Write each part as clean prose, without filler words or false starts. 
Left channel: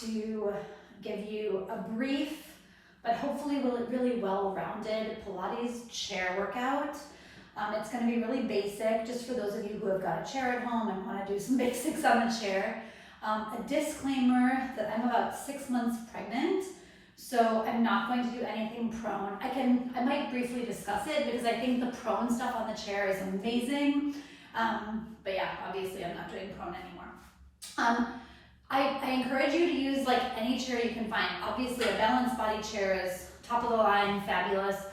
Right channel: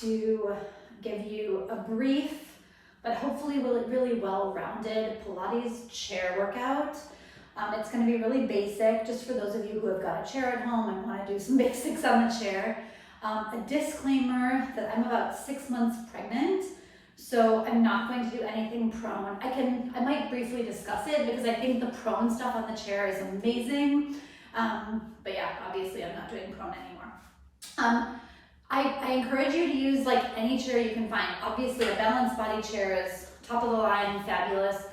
to give you a brief, but hopefully really well-rounded Pilates chair workout. It's going to be really basic, just for those of you who have got a chair at home and want to do some basics on the chair. A disclaimer that I'm about 6 months pregnant, so I'm not going to do anything prone. I might briefly discuss it because I think the prone stuff on the chair is amazing. But yeah, obviously I'm not doing prone anymore. I encourage you to use like any chair you can find. Obviously a balanced body chair is top of the line, fabulous.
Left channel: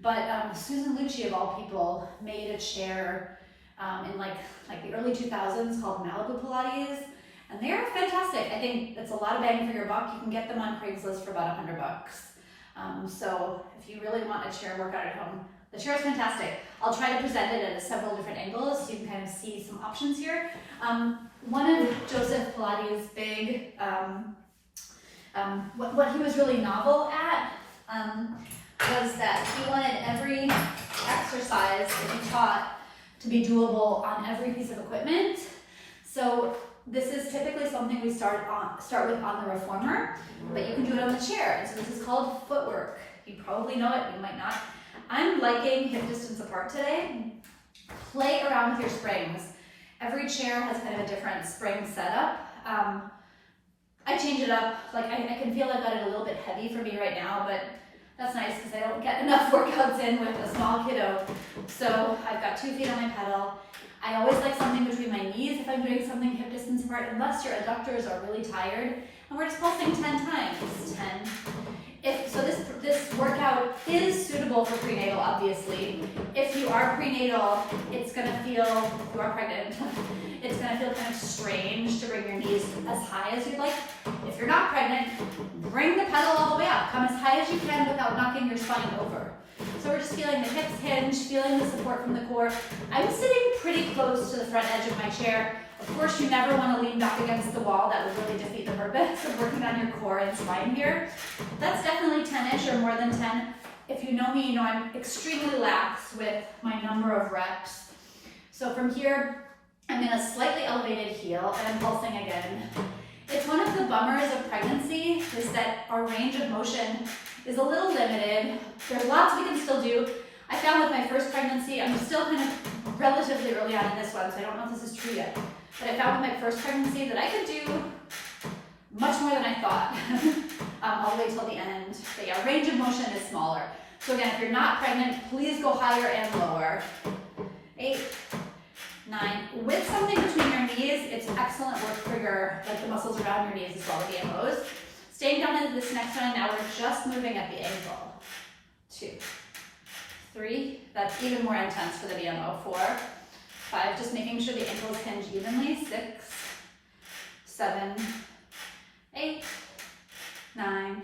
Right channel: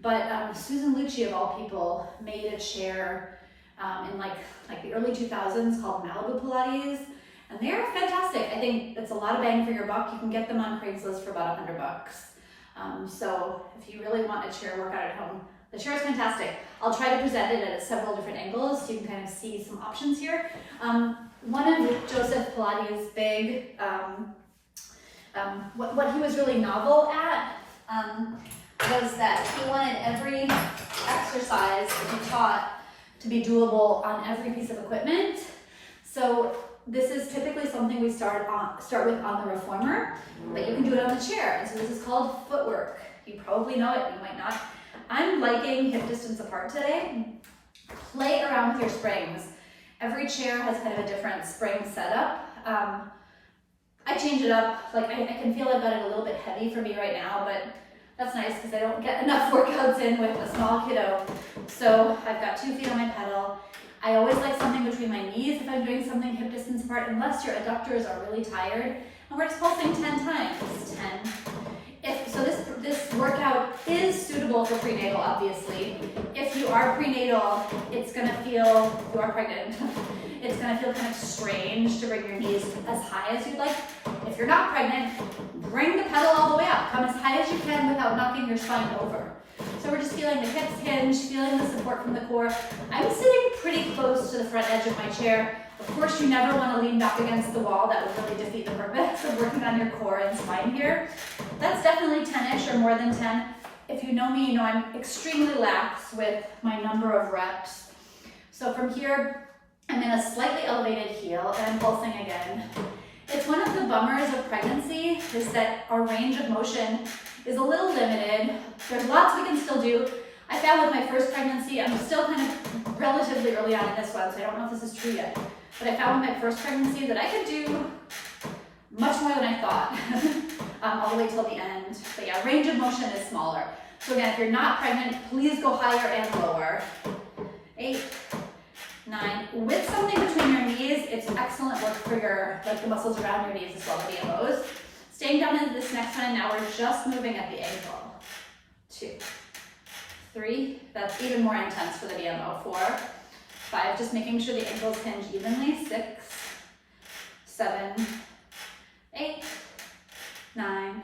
But Susan Lucci, of all people, made a chair in like the early 2000s called Malibu Pilates, and they are fantastic. I think it's a lot of bang for your buck. You can get them on Craigslist for about $100. So if you really want a chair workout at home, the chair is fantastic. I'll try to present it at several different angles so you can kind of see some options here. One of Joseph Pilates' big, what he was really novel at, was that he wanted every exercise that he taught to be doable on every piece of equipment. So this is typically something we start with on the reformer, but you can do it on the chair. And so this is called footwork. You probably know it, you might not. I'm liking hip distance apart today. Play around with your springs. Every chair has kind of a different spring setup. I change it up. Like I can feel I've got it a little bit heavy for me right now, but that's nice because I don't get enough workouts in with a small kiddo. So I've got 2 feet on my pedal. I always like something between my knees if I'm doing something hip distance apart, unless your adductors are really tired. And we're just pulsing 10 times. 10. So this workout is suitable for prenatal, obviously. If you are prenatal, it's gonna feel, if you are pregnant, it's gonna feel kind of strange to bring your knees as high as you'd like. If you're not pregnant, bring the pedal all the way up. Come as high as you can without knocking your spine over. So we're just feeling the hips hinge, feeling the support from the core. I'm sitting pretty close to the front edge of my chair. Of course, you never want to lean back against the wall. That would really defeat the purpose of working on your core and spine here. That's definitely 10-ish or more than 10. If you know me, you know I'm extremely lax with my number of reps. So from here, I'm in a slightly elevated heel and I'm pulsing again. It's one of the bummers of pregnancy is that our range of motion is a little limited. There's lots we can still do. I found with my first pregnancy, I'm still kind of relatively early on in this one, so I don't know if this is true yet, but I found with my first pregnancy that I could do much more than I thought, all the way till the end. But yeah, range of motion is smaller. So again, if you're not pregnant, please go higher and lower. 8, 9. With something between your knees, it's excellent work for your, like the muscles around your knees as well, the BMOs. Staying down into this next one, now we're just moving at the ankle. 2, 3, that's even more intense for the BMO. 4, 5, just making sure the ankles hinge evenly. 6, 7, 8, 9,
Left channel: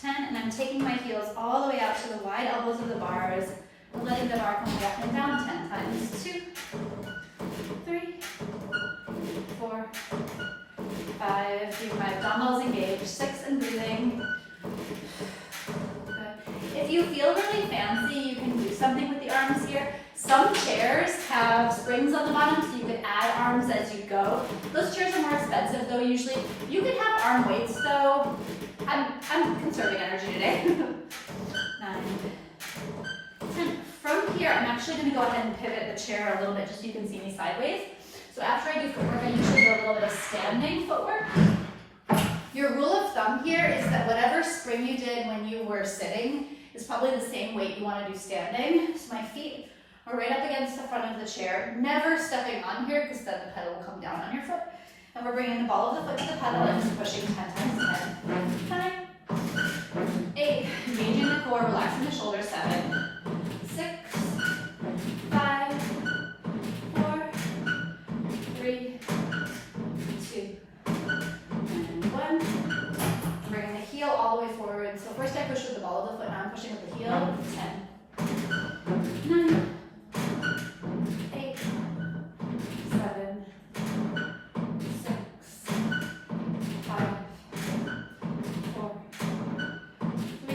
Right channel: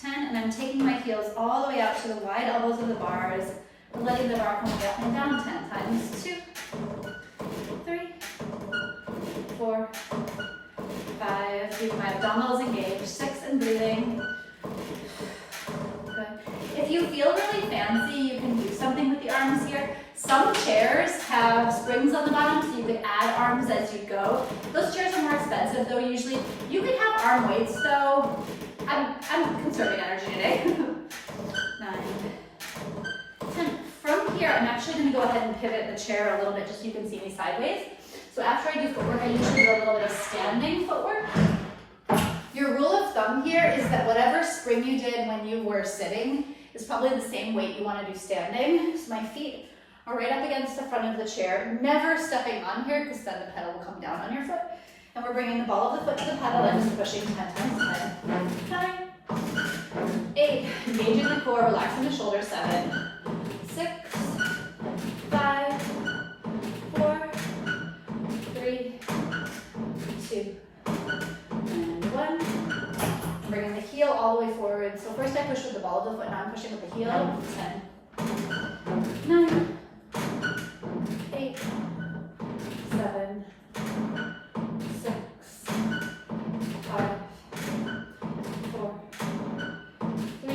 10, and I'm taking my heels all the way out to the wide elbows of the bars, letting the bar come up and down 10 times. 2, 3, 4, 5, keep my abdominals engaged. 6, and breathing. Okay. If you feel really fancy, you can do something with the arms here. Some chairs have springs on the bottom, so you could add arms as you go. Those chairs are more expensive though, usually. You can have arm weights though. I'm conserving energy today. 9, 10. From here, I'm actually gonna go ahead and pivot the chair a little bit just so you can see me sideways. So after I do footwork, I usually do a little bit of standing footwork. Your rule of thumb here is that whatever spring you did when you were sitting is probably the same weight you want to do standing. So my feet are right up against the front of the chair, never stepping on here because then the pedal will come down on your foot. And we're bringing the ball of the foot to the pedal and just pushing 10 times. 10, 9, 8, engaging the core, relaxing the shoulders. 7, 6, 5, 4, 3, 2, and 1. Bringing the heel all the way forward. So first I push with the ball of the foot, now I'm pushing with the heel. 10, 9, 8, 7, 6, 5, 4, 3,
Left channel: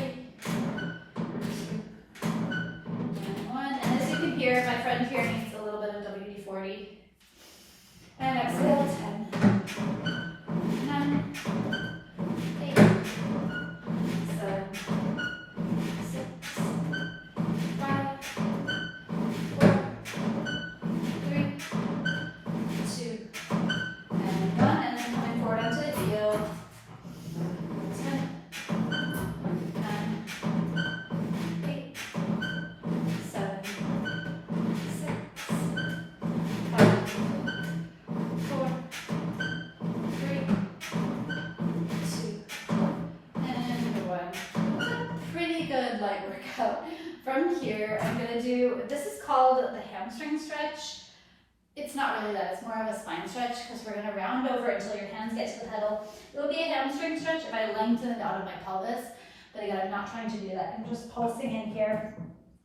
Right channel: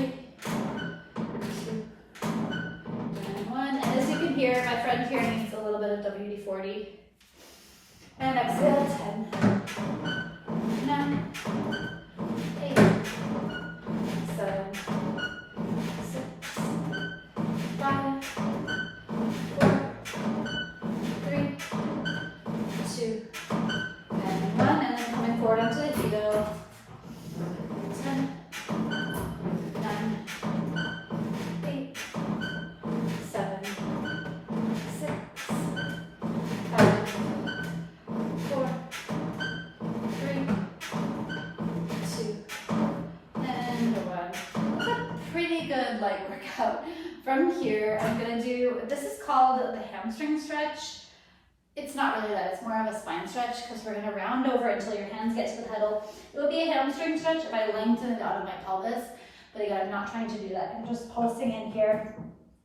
2, and 1. And as you can hear, my friend here needs a little bit of WD-40. And exhale. 10, 9, from here, I'm gonna do, this is called the hamstring stretch. It's not really that, it's more of a spine stretch because we're gonna round over until your hands get to the pedal. It'll be a hamstring stretch if I lengthen it out of my pelvis, but again, I'm not trying to do that. I'm just pulsing in here.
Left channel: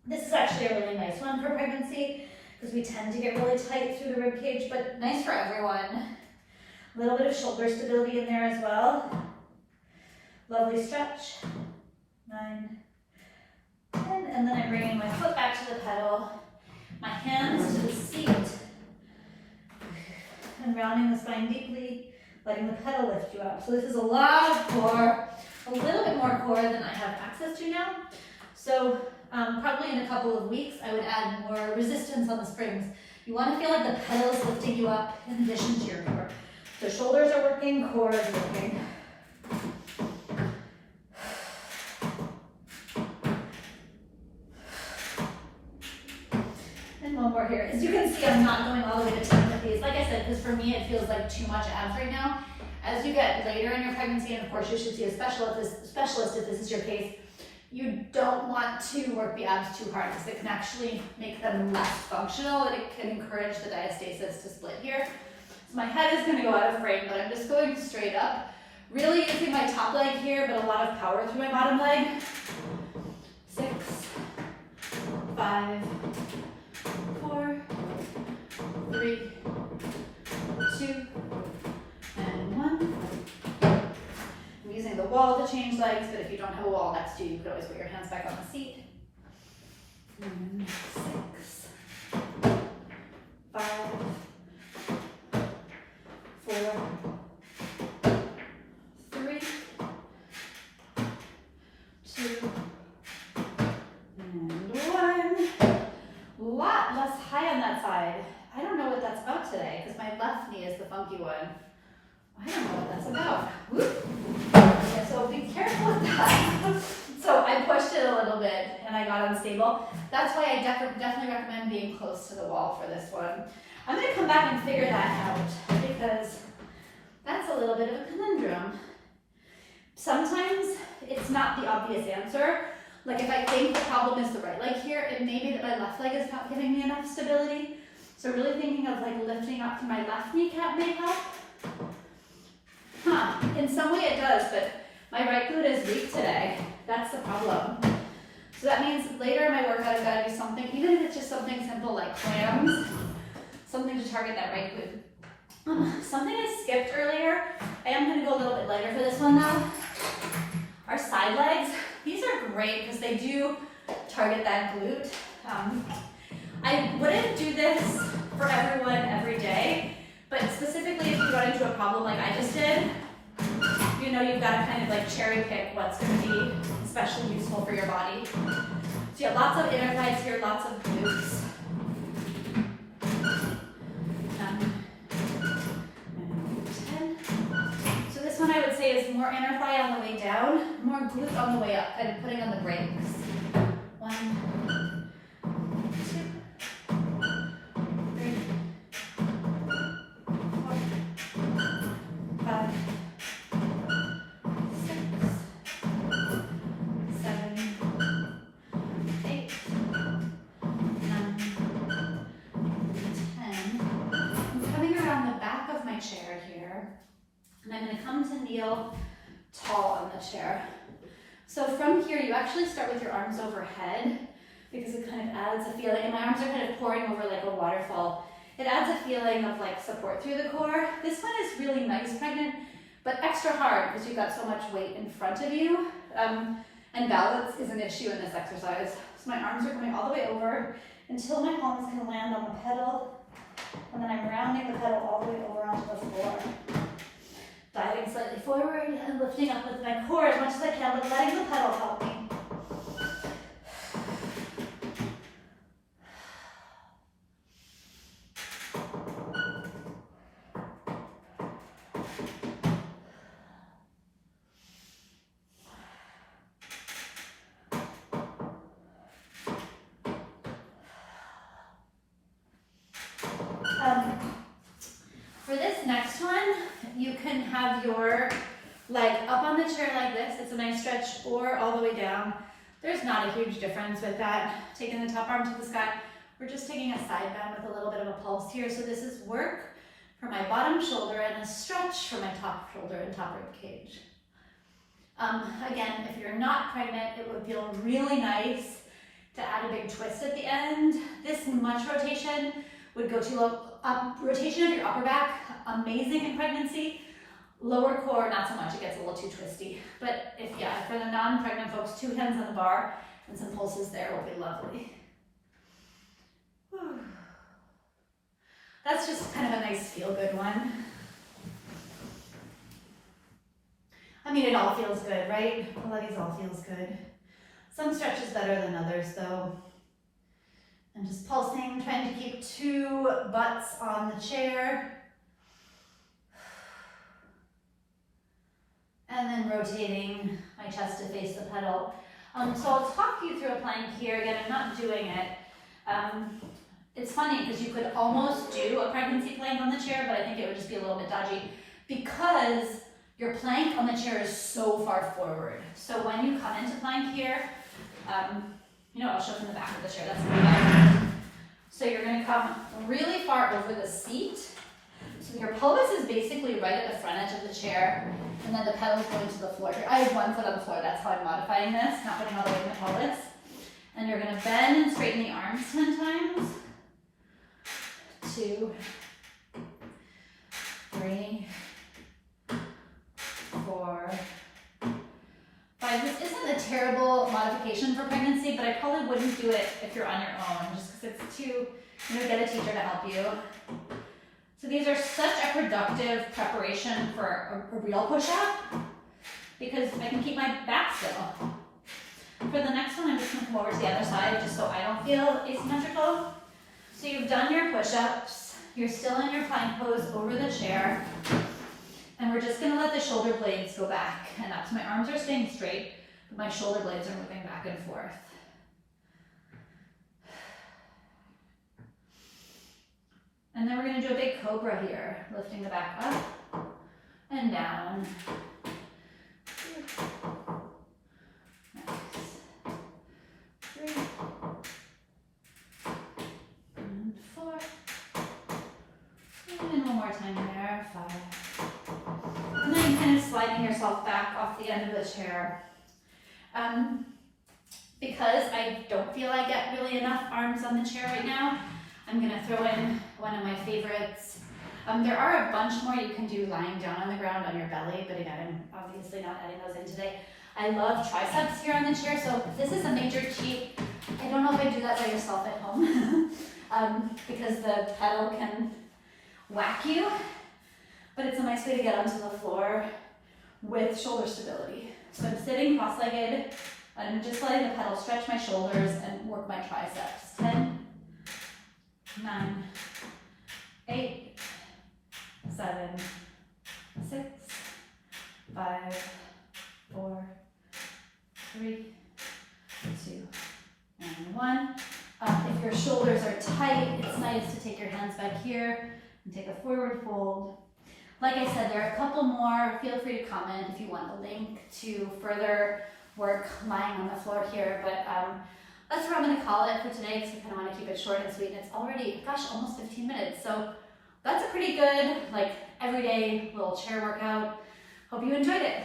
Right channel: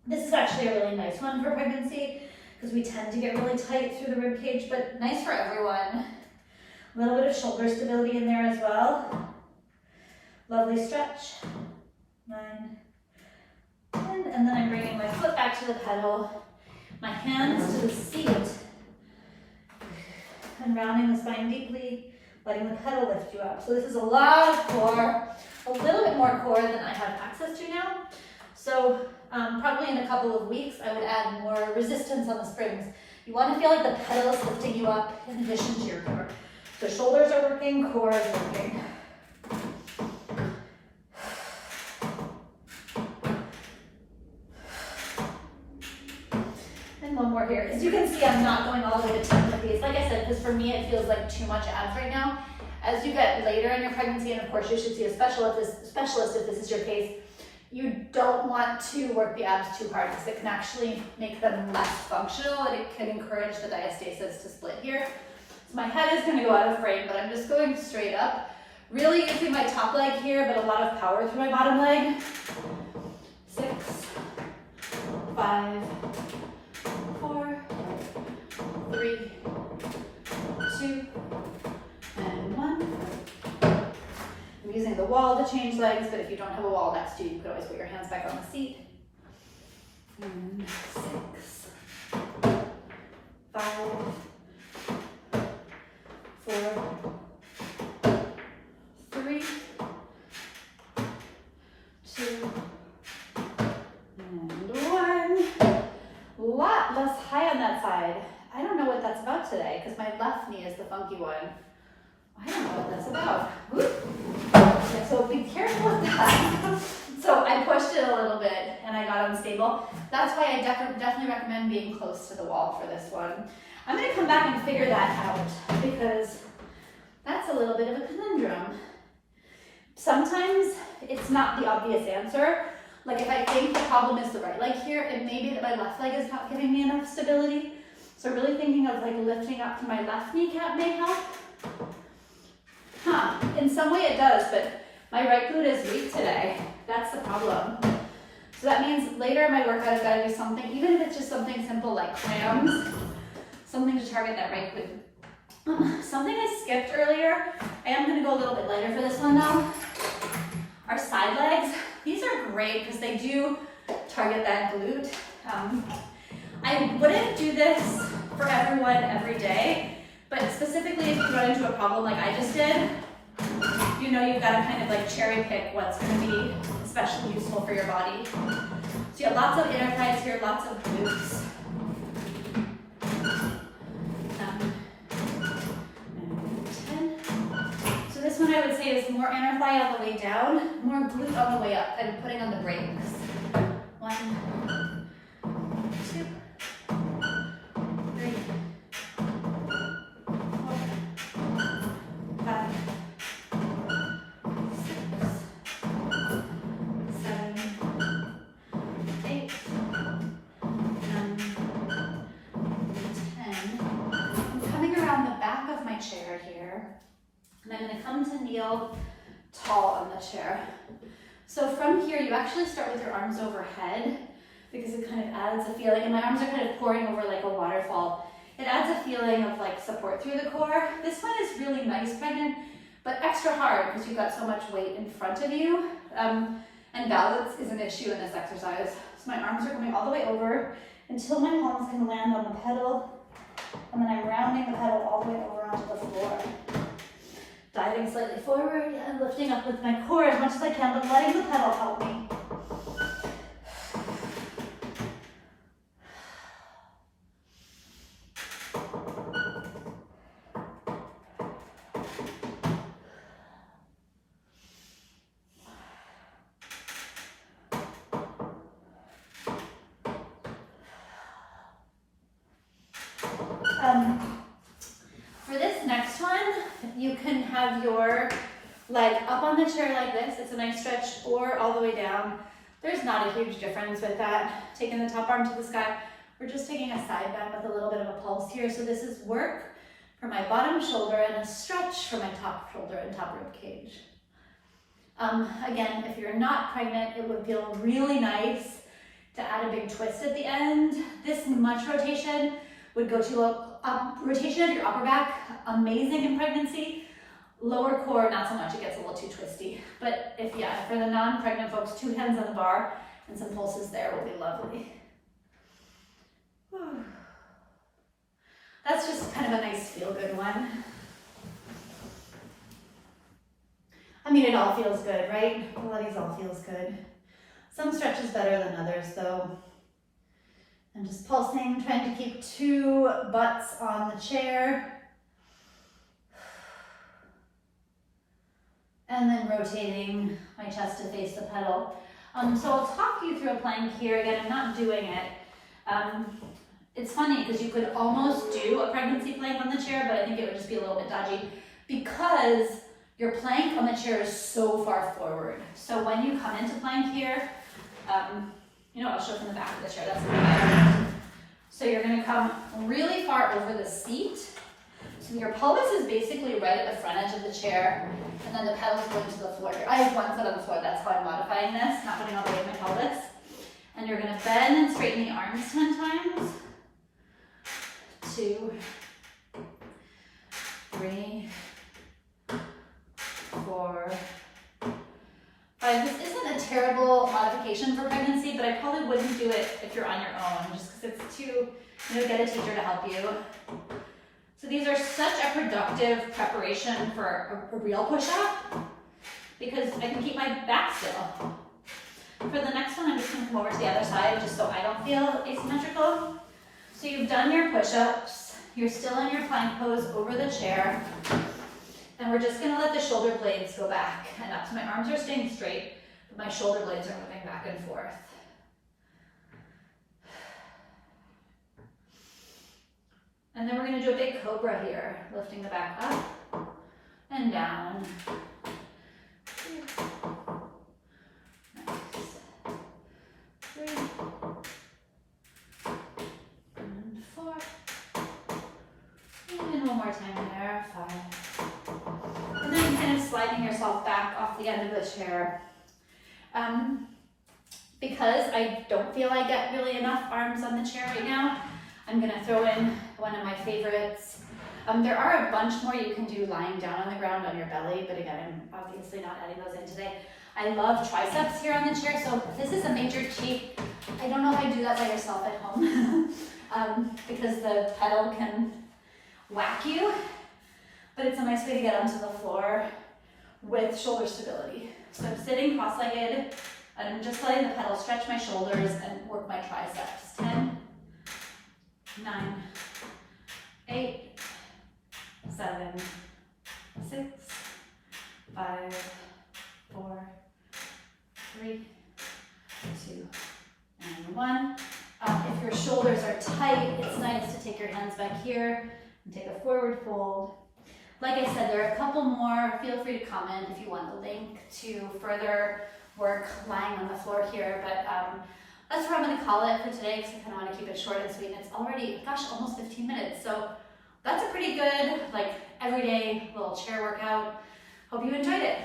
This is actually a really nice one for pregnancy because we tend to get really tight through the rib cage, but nice for everyone. A little bit of shoulder stability in there as well. Lovely stretch. 9, 10, and then I'm bringing my foot back to the pedal, my hands to the seat, and rounding the spine deeply, letting the pedal lift you up. So this is a lot of core, a little bit more core than I have access to now. So probably in a couple of weeks, I would add more resistance on the springs. You want to feel like the pedal is lifting you up in addition to your core. So shoulders are working, core is working. One more here. As you can see, I'm not going all the way to 10 with these. Like I said, because for me, it feels like too much abs right now. As you get later in your pregnancy, and of course, you should see a specialist if this is your case, you don't want to work the abs too hard because it can actually make them less functional and it can encourage the diastasis to split here. So my head is going to go out of frame, but I'm just going straight up. Really using my top leg here, but a lot of power through my bottom leg. 6, 5, 4, 3, 2, and 1. I'm using the wall to change legs, but if you don't have a wall next to you, you could always put your hands back on the seat. And 6, 5, 4, 3, 2, and 1. A lot less high on that side. I don't know what that's about today because my left knee is the funky one. I don't know what that's about. Okay, so be careful with that. So I pushed it a little bit and I got unstable. That's why I definitely recommend being close to the wall for this one. I'm going to come back and figure that out because that's a little bit of a conundrum. Sometimes it's not the obvious answer. Like if I think the problem is the right leg here, it may be that my left leg is not giving me enough stability. So really thinking of like lifting up to my left kneecap may help. In some way it does, but my right glute is weak today. That's the problem. So that means later in my workout I've got to do something, even if it's just something simple like clams, something to target that right glute. Something I skipped earlier, I am going to go a little bit lighter for this one now, are side legs. These are great because they do target that glute. I wouldn't do this for everyone every day, but specifically if you run into a problem like I just did, you know you've got to kind of like cherry pick what's going to be especially useful for your body. So you have lots of inner thighs here, lots of glutes. And 10. So this one I would say is more inner thigh on the way down, more glute on the way up, kind of putting on the brakes. 1, 2, 3, 4, 5, 6, 7, 8, 9, 10. I'm coming around the back of my chair here, and I'm going to come to kneel tall on the chair. So from here, you actually start with your arms overhead because it kind of adds a feeling, and my arms are kind of pouring over like a waterfall. It adds a feeling of like support through the core. This one is really nice pregnant, but extra hard because you've got so much weight in front of you. And balance is an issue in this exercise. So my arms are going all the way over until my palms can land on the pedal, and then I'm rounding the pedal all the way over onto the floor. Diving slightly forward and lifting up with my core as much as I can, but letting the pedal help me. For this next one, you can have your leg up on the chair like this. It's a nice stretch, or all the way down, There's not a huge difference with that. Taking the top arm to the sky, we're just taking a side bend with a little bit of a pulse here. So this is work for my bottom shoulder and a stretch for my top shoulder and top rib cage. Again, if you're not pregnant, it would feel really nice to add a big twist at the end. This much rotation would go to a rotation of your upper back, amazing in pregnancy. Lower core, not so much, it gets a little too twisty. But if, yeah, for the non-pregnant folks, 2 hands on the bar and some pulses there will be lovely. Whew. That's just kind of a nice feel-good one. I mean, it all feels good, right? Pilates all feels good. Some stretches better than others though. And just pulsing, trying to keep 2 butts on the chair. And then rotating my chest to face the pedal. So I'll talk you through a plank here. Again, I'm not doing it. It's funny because you could almost do a pregnancy plank on the chair, but I think it would just be a little bit dodgy because your plank on the chair is so far forward. So when you come into plank here, you know, I'll show from the back of the chair, that's the back. So you're gonna come really far over the seat. So your pelvis is basically right at the front edge of the chair, and then the pedal is going to the floor here. I have 1 foot on the floor, that's how I'm modifying this, not putting all the weight in my pelvis. And you're gonna bend and straighten the arms 10 times. 2, 3, 4, 5. This isn't a terrible modification for pregnancy, but I probably wouldn't do it if you're on your own, just because it's too, you know, get a teacher to help you. So these are such a productive preparation for a real push-up because I can keep my back still. For the next one, I'm just gonna come over to the other side just so I don't feel asymmetrical. So you've done your push-ups, you're still in your plank pose over the chair, and we're just gonna let the shoulder blades go back and up. So my arms are staying straight, but my shoulder blades are moving back and forth. And then we're gonna do a big cobra here, lifting the back up and down. Nice. 3 and 4. And 1 more time there, 5. And then kind of sliding yourself back off the end of the chair. Because I don't feel I get really enough arms on the chair right now, I'm gonna throw in one of my favorites. There are a bunch more you can do lying down on the ground on your belly, but again, I'm obviously not adding those in today. I love triceps here on the chair, so this is a major cheat. I don't know if I do that by yourself at home because the pedal can whack you, but it's a nice way to get onto the floor with shoulder stability. So I'm sitting cross-legged, and I'm just letting the pedal stretch my shoulders and work my triceps. 10, 9, 8, 7, 6, 5, 4, 3, 2, and 1. If your shoulders are tight, it's nice to take your hands back here and take a forward fold. Like I said, there are a couple more. Feel free to comment if you want the link to further work lying on the floor here, but that's where I'm going to call it for today because I kind of want to keep it short and sweet. And it's already, gosh, almost 15 minutes. So that's a pretty good, like, everyday little chair workout. Hope you enjoyed it.